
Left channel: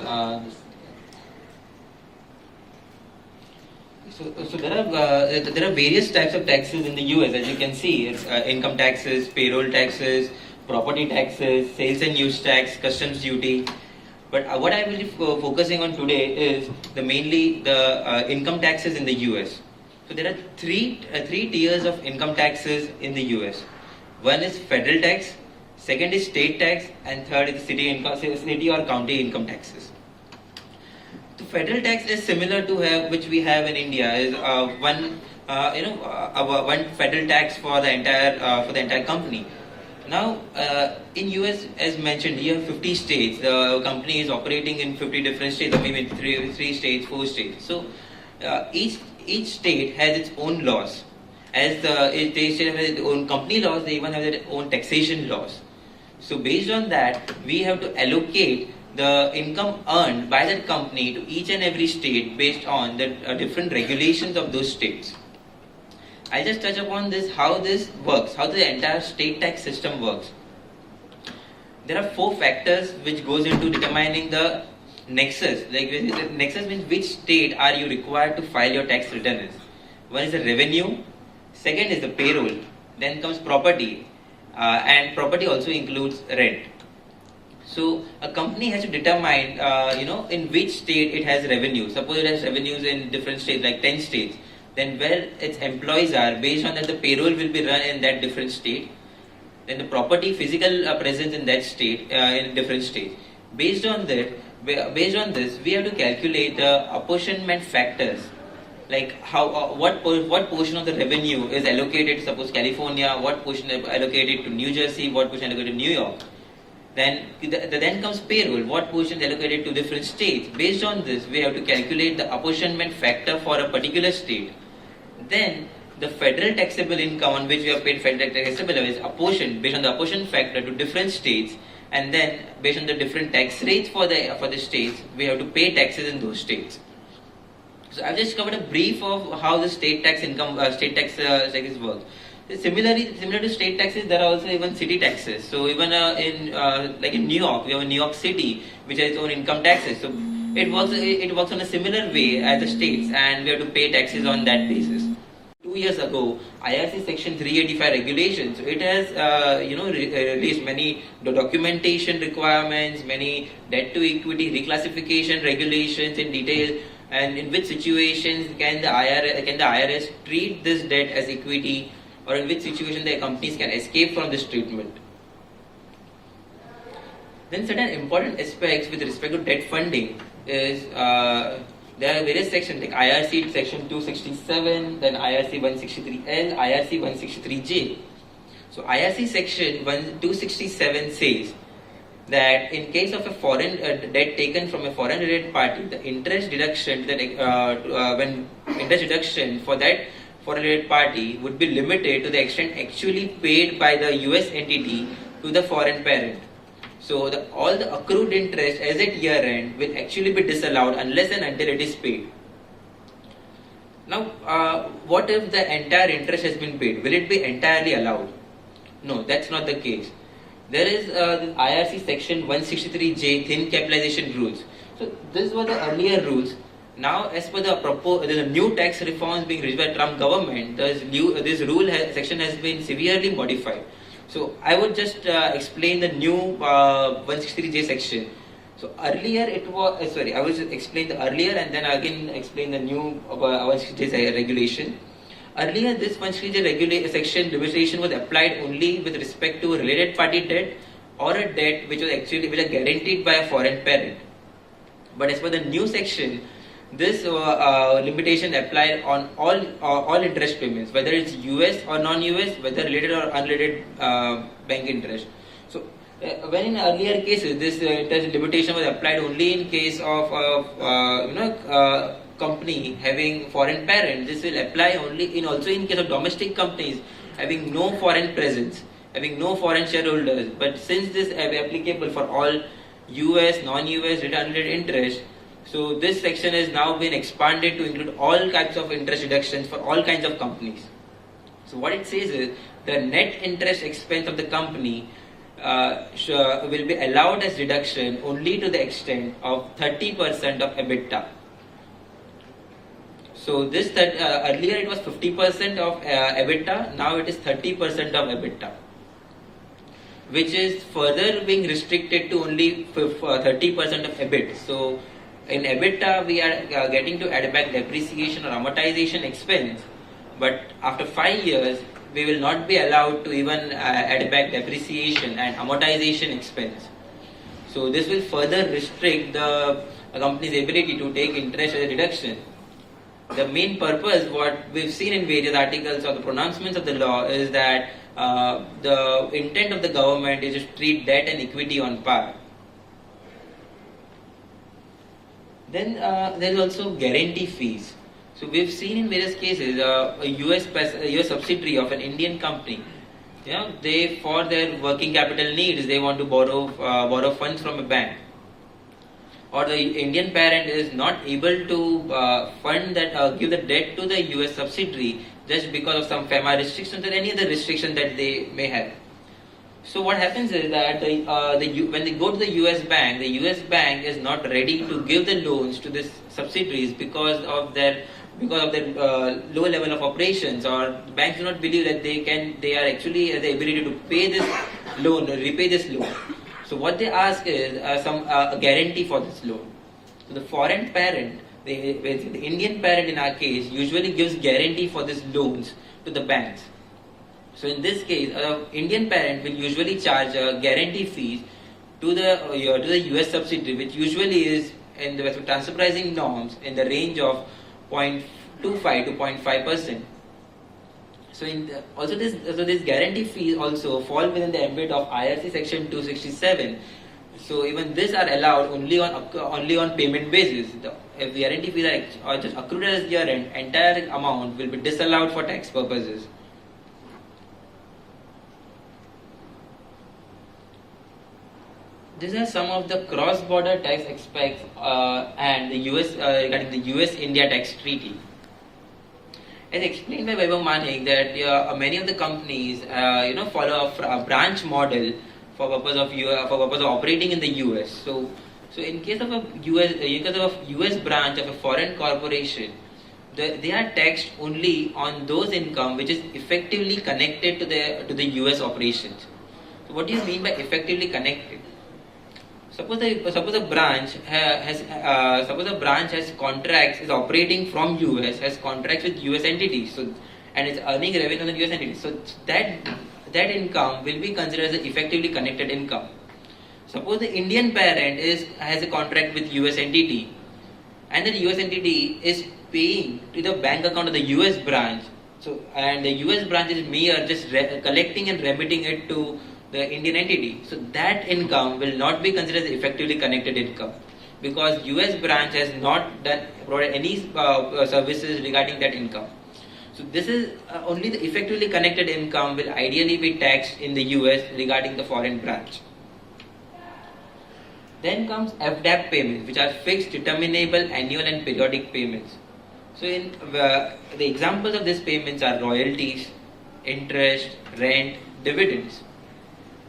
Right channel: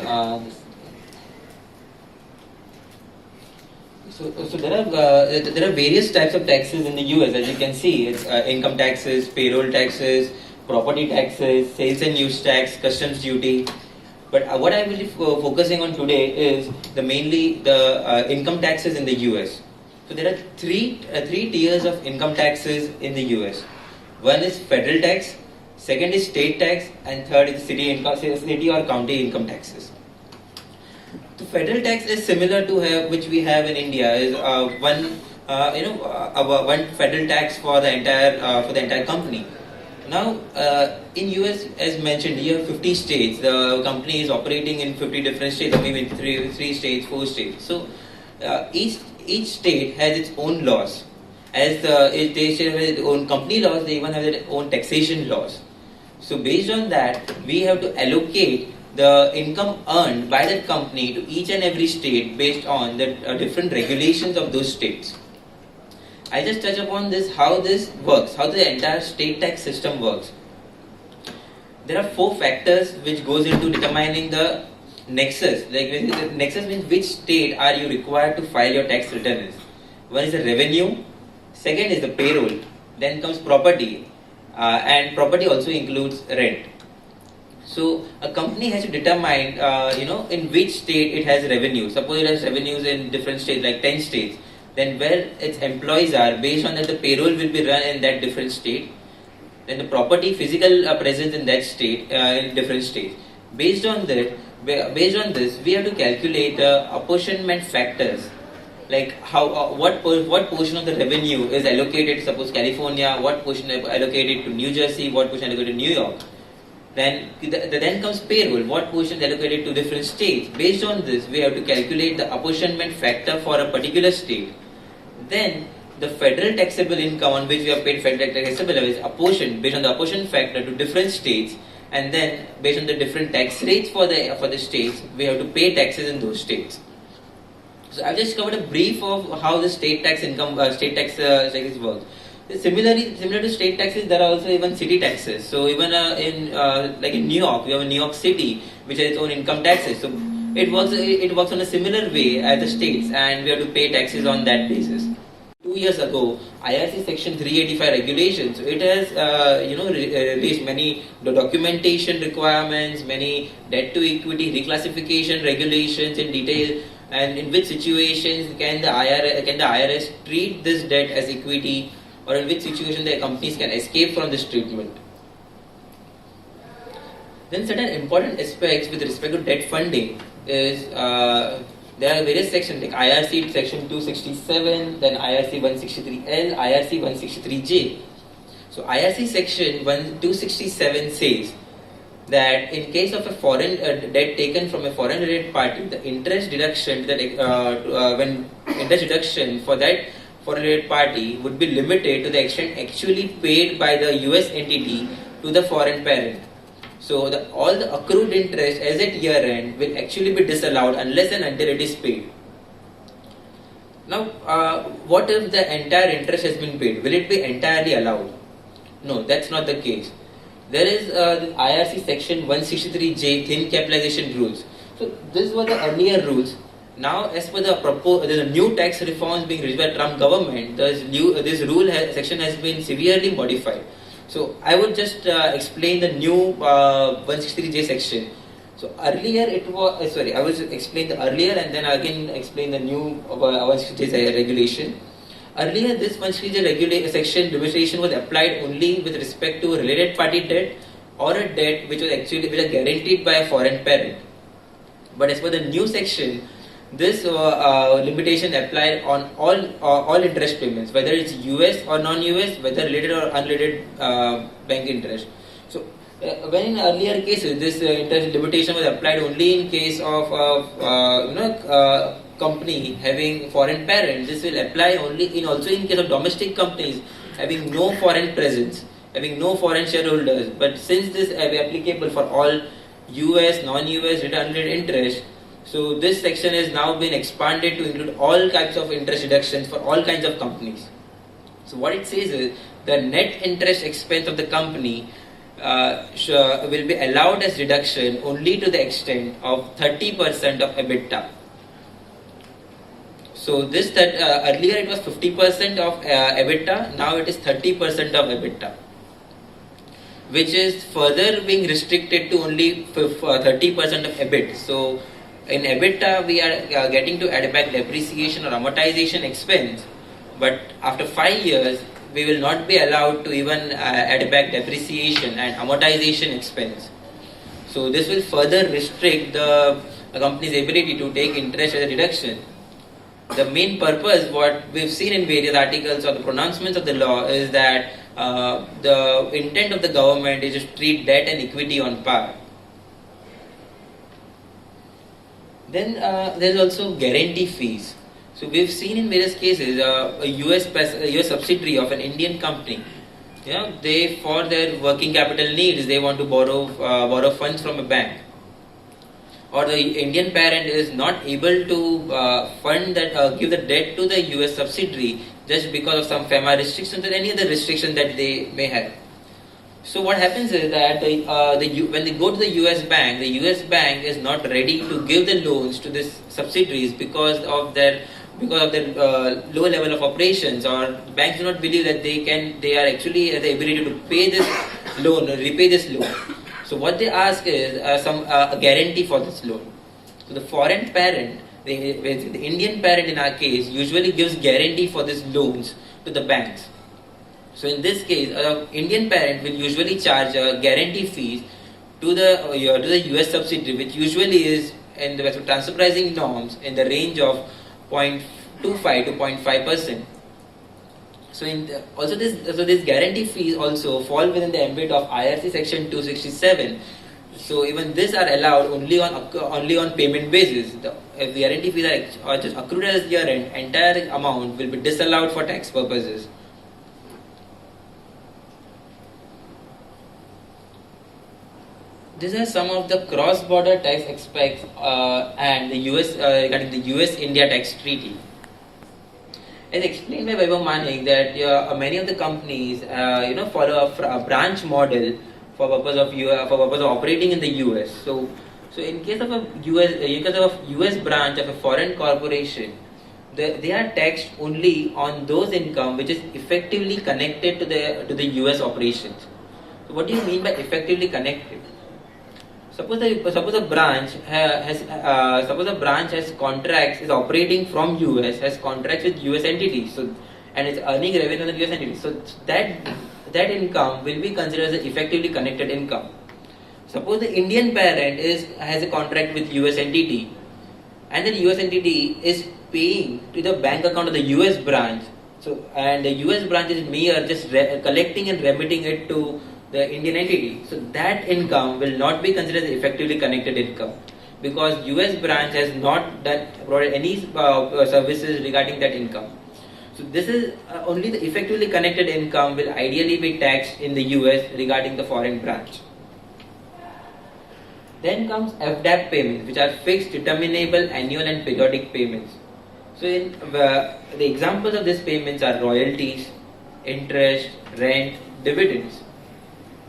So there are various types of taxes in the US, as you can see. It's income taxes, payroll taxes, property taxes, sales and use tax, customs duty. But what I will be focusing on today is mainly the income taxes in the US. So there are three tiers of income taxes in the US. One is federal tax, second is state tax, and third is city or county income taxes. The federal tax is similar to which we have in India. Is one federal tax for the entire company. Now, in US, as mentioned, you have 50 states. The company is operating in 50 different states, or maybe three states, 4 states. So each state has its own laws. As they say have their own company laws, they even have their own taxation laws. So based on that, we have to allocate the income earned by that company to each and every state based on the different regulations of those states. I'll just touch upon this, how this works, how the entire state tax system works. There are 4 factors which goes into determining the nexus. Nexus means which state are you required to file your tax returns. One is the revenue, second is the payroll, then comes property, and property also includes rent. So a company has to determine, in which state it has revenue. Suppose it has revenues in different states, like 10 states. Then where its employees are, based on that the payroll will be run in that different state. Then the property, physical presence in that state, in different states. Based on this, we have to calculate the apportionment factors. Like what portion of the revenue is allocated, suppose California, what portion is allocated to New Jersey, what portion is allocated to New York. Then comes payroll, what portion is allocated to different states. Based on this, we have to calculate the apportionment factor for a particular state. Then the federal taxable income on which we have paid federal taxable is apportioned based on the apportion factor to different states, and then based on the different tax rates for the states, we have to pay taxes in those states. So I've just covered a brief of how the state taxes work. Similar to state taxes, there are also even city taxes. So even in New York, we have New York City, which has its own income taxes. So it works on a similar way as the states, and we have to pay taxes on that basis. To years ago, IRC Section 385 regulations. So it has, released many documentation requirements, many debt to equity reclassification regulations in detail, and in which situations can the IRS treat this debt as equity, or in which situation the companies can escape from this treatment. Then certain important aspects with respect to debt funding is there are various sections like IRC section 267, then IRC 163L, IRC 163J. So IRC section 267 says that in case of a foreign debt taken from a foreign related party, the interest deduction when interest deduction for that foreign related party would be limited to the extent actually paid by the US entity to the foreign parent. So all the accrued interest as at year end will actually be disallowed unless and until it is paid. Now, what if the entire interest has been paid? Will it be entirely allowed? No, that's not the case. There is the IRC section 163J thin capitalization rules. So these were the earlier rules. Now, as per the new tax reforms being reached by Trump government, this section has been severely modified. So I would just explain the new 163J section. So earlier it was, I will explain the earlier and then again explain the new 163J regulation. Earlier this 163J section limitation was applied only with respect to a related party debt or a debt which was guaranteed by a foreign parent. But as per the new section, this limitation applied on all interest payments, whether it's US or non-US, whether related or unrelated bank interest. So, when in earlier cases this interest limitation was applied only in case of company having foreign parent, this will apply only also in case of domestic companies having no foreign presence, having no foreign shareholders. But since this is applicable for all US, non-US, unrelated interest, so this section has now been expanded to include all types of interest deductions for all kinds of companies. So what it says is the net interest expense of the company will be allowed as deduction only to the extent of 30% of EBITDA. So this earlier it was 50% of EBITDA, now it is 30% of EBITDA, which is further being restricted to only 30% of EBIT. So in EBITDA, we are getting to add back depreciation or amortization expense, but after 5 years, we will not be allowed to even add back depreciation and amortization expense. So this will further restrict the company's ability to take interest as a deduction. The main purpose, what we've seen in various articles or the pronouncements of the law, is that the intent of the government is to treat debt and equity on par. Then there's also guarantee fees. So we've seen in various cases a US subsidiary of an Indian company. They for their working capital needs they want to borrow funds from a bank, or the Indian parent is not able to fund that give the debt to the US subsidiary just because of some FEMA restrictions or any other restriction that they may have. So what happens is that when they go to the US bank is not ready to give the loans to these subsidiaries because of their low level of operations, or banks do not believe that they are actually the ability to pay this loan, repay this loan. So what they ask is a guarantee for this loan. So the foreign parent, the Indian parent in our case, usually gives guarantee for these loans to the banks. So in this case, Indian parent will usually charge guarantee fees to the US subsidiary, which usually is in the transfer pricing norms in the range of 0.25 to 0.5%. So this guarantee fees also fall within the ambit of IRC section 267. So even these are allowed only on payment basis. If the guarantee fees are just accrued as year end, entire amount will be disallowed for tax purposes. These are some of the cross-border tax aspects and the US-India tax treaty. As explained by Vaibhav Manik, that many of the companies follow a branch model for purpose of operating in the US. So in case of a US branch of a foreign corporation, they are taxed only on those income which is effectively connected to the US operations. So what do you mean by effectively connected? Suppose a branch has contracts, is operating from US, has contracts with US entities, so and is earning revenue on the US entities. So that income will be considered as effectively connected income. Suppose the Indian parent has a contract with US entity, and the US entity is paying to the bank account of the US branch. So and the US branch is mere just collecting and remitting it to the Indian entity. So that income will not be considered as effectively connected income, because US branch has not provided any services regarding that income. So this is only the effectively connected income will ideally be taxed in the US regarding the foreign branch. Then comes FDAP payments, which are fixed, determinable, annual and periodic payments. So the examples of these payments are royalties, interest, rent, dividends.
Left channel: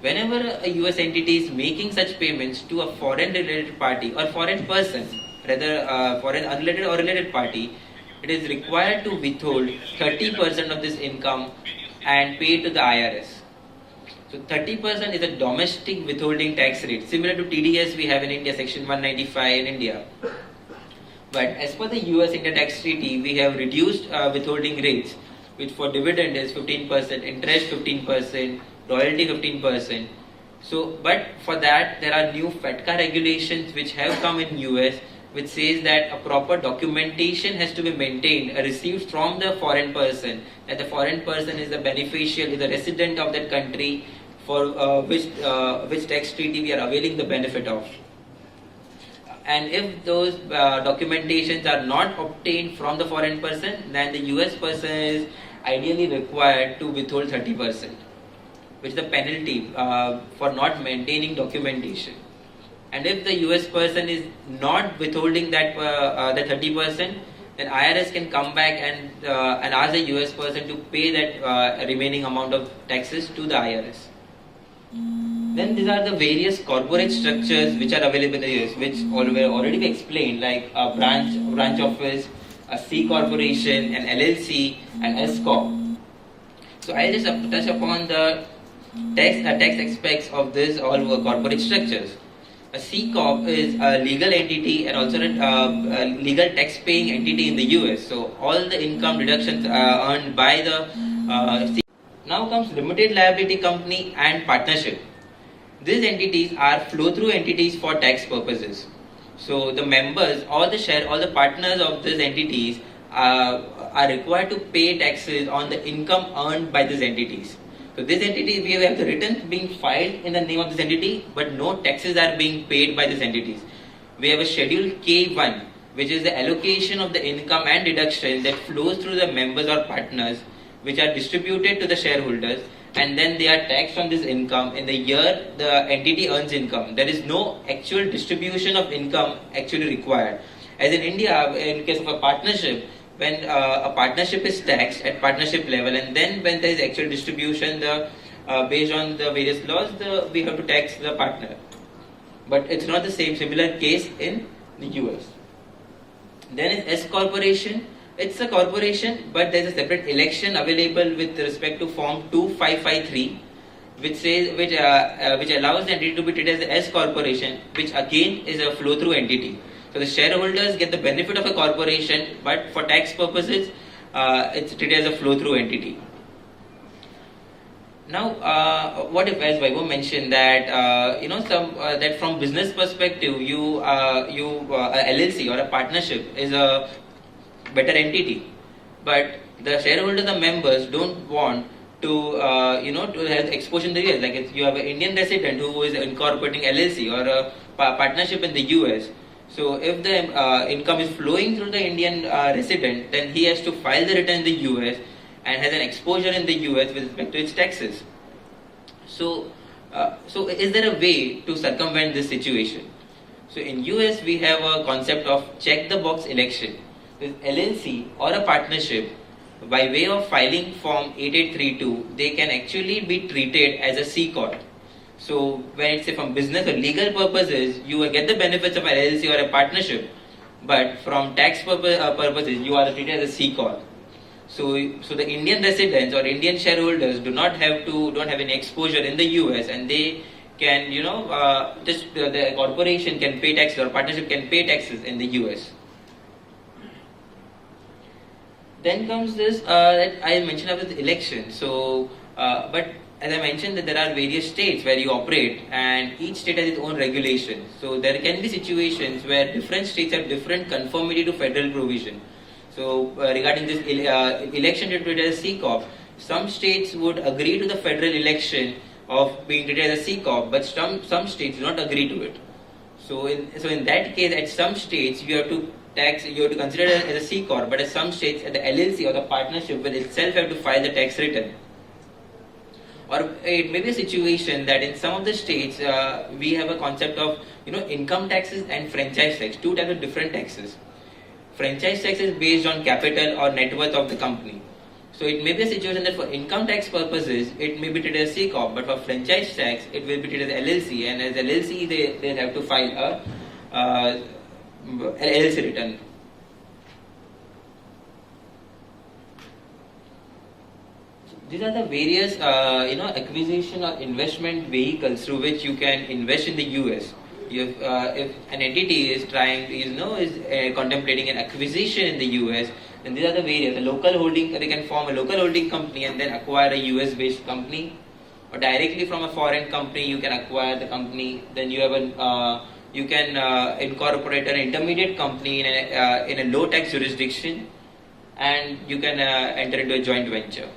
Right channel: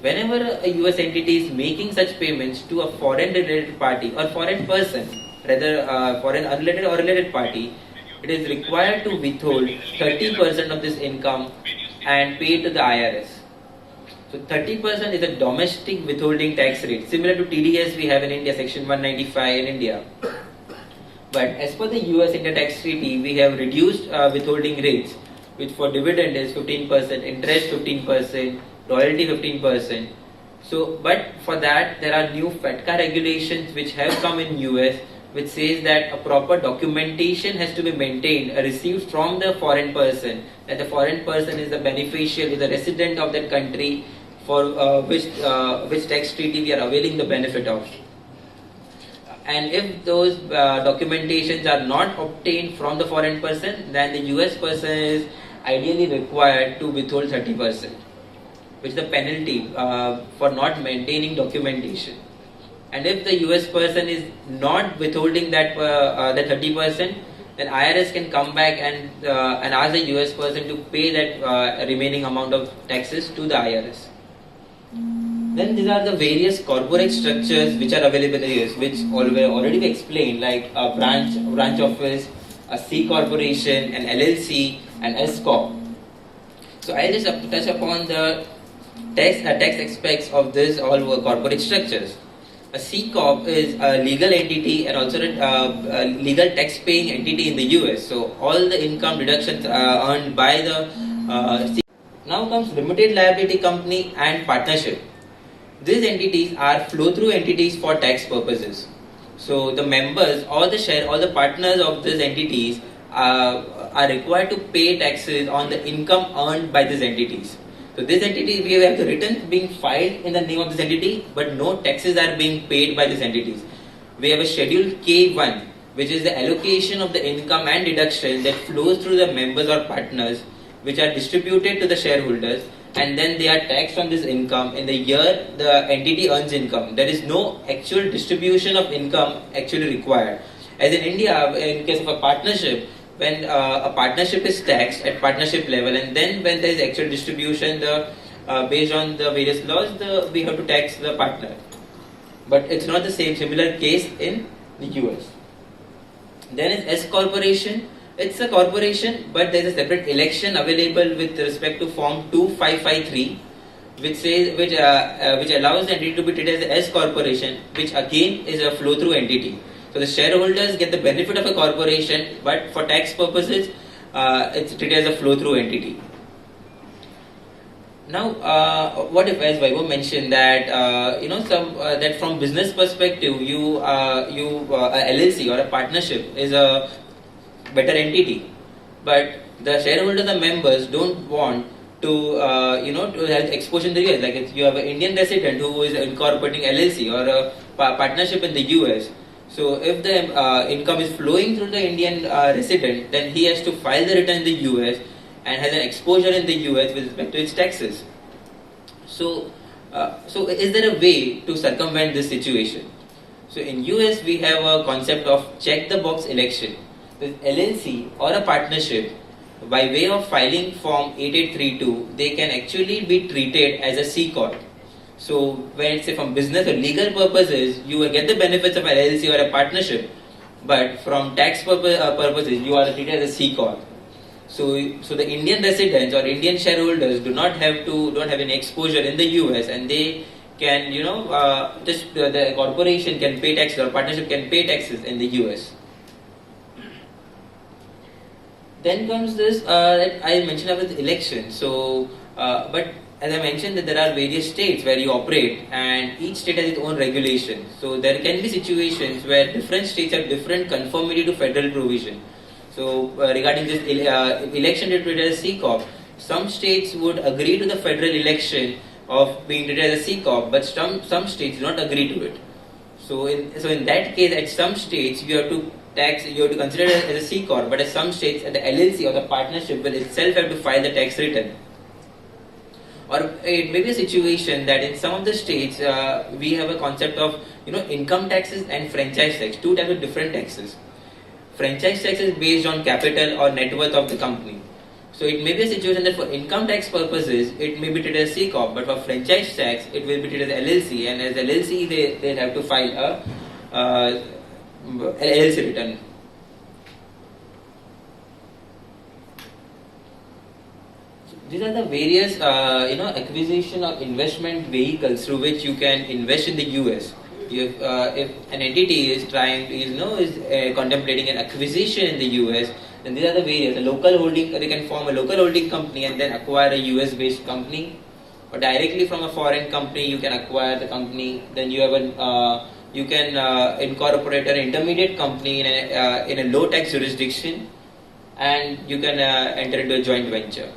Whenever a US entity is making such payments to a foreign related party or foreign person, rather foreign unrelated or related party, it is required to withhold 30% of this income and pay to the IRS. So 30% is a domestic withholding tax rate, similar to TDS we have in India, Section 195 in India. But as per the US-India tax treaty, we have reduced withholding rates, which for dividend is 15%, interest 15%, royalty 15%. So, but for that there are new FATCA regulations which have come in US, which says that a proper documentation has to be maintained, received from the foreign person, that the foreign person is the beneficiary, is the resident of that country for which tax treaty we are availing the benefit of. And if those documentations are not obtained from the foreign person, then the US person is ideally required to withhold 30%, which is the penalty for not maintaining documentation. And if the US person is not withholding that the 30%, then IRS can come back and ask the US person to pay that remaining amount of taxes to the IRS. Then these are the various corporate structures which are available in the US, which already explained, like a branch office, a C corporation, an LLC, an S corp. So I just touch upon the tax aspects of this all corporate structures. A C corp is a legal entity and also a legal tax-paying entity in the US. So all the income deductions earned by the C. Now comes limited liability company and partnership. These entities are flow-through entities for tax purposes. So the members or the partners of these entities are required to pay taxes on the income earned by these entities. So this entity, we have the returns being filed in the name of this entity, but no taxes are being paid by these entities. We have a schedule K1, which is the allocation of the income and deduction that flows through the members or partners, which are distributed to the shareholders, and then they are taxed on this income in the year the entity earns income. There is no actual distribution of income actually required. As in India, in case of a partnership, when a partnership is taxed at partnership level, and then when there is actual distribution, based on the various laws, we have to tax the partner. But it's not the similar case in the US. Then is S corporation. It's a corporation, but there is a separate election available with respect to Form 2553, which allows the entity to be treated as an S corporation, which again is a flow-through entity. So the shareholders get the benefit of a corporation, but for tax purposes, it's treated as a flow-through entity. Now, what if, as Vaibhav mentioned, that that from business perspective, a LLC or a partnership is a better entity, but the shareholders and members don't want to to have exposure in the US. Like if you have an Indian resident who is incorporating LLC or a partnership in the US. So if the income is flowing through the Indian resident, then he has to file the return in the US and has an exposure in the US with respect to its taxes. So is there a way to circumvent this situation? So in US we have a concept of check the box election. With LLC or a partnership, by way of filing Form 8832, they can actually be treated as a C corp. So when it's from business or legal purposes, you will get the benefits of an LLC or a partnership, but from tax purposes, you are treated as a C corp. So the Indian residents or Indian shareholders don't have any exposure in the US, and they can, the corporation can pay taxes or partnership can pay taxes in the US. Then comes this that I mentioned about the election. So, but as I mentioned, that there are various states where you operate, and each state has its own regulation. So there can be situations where different states have different conformity to federal provision. So regarding this election treated as C corp, some states would agree to the federal election of being treated as a C corp, but some states do not agree to it. So in that case, at some states you have to consider it as a C corp, but at some states, the LLC or the partnership will itself have to file the tax return. Or it may be a situation that in some of the states we have a concept of income taxes and franchise tax, two types of different taxes. Franchise tax is based on capital or net worth of the company. So it may be a situation that for income tax purposes it may be treated as C corp, but for franchise tax it will be treated as LLC, and as LLC they have to file a LLC return. These are the various acquisition or investment vehicles through which you can invest in the US. If an entity is contemplating an acquisition in the US, then these are the various. They can form a local holding company and then acquire a US based company, or directly from a foreign company you can acquire the company. Then you have you can incorporate an intermediate company in a low tax jurisdiction, and you can enter into a joint venture.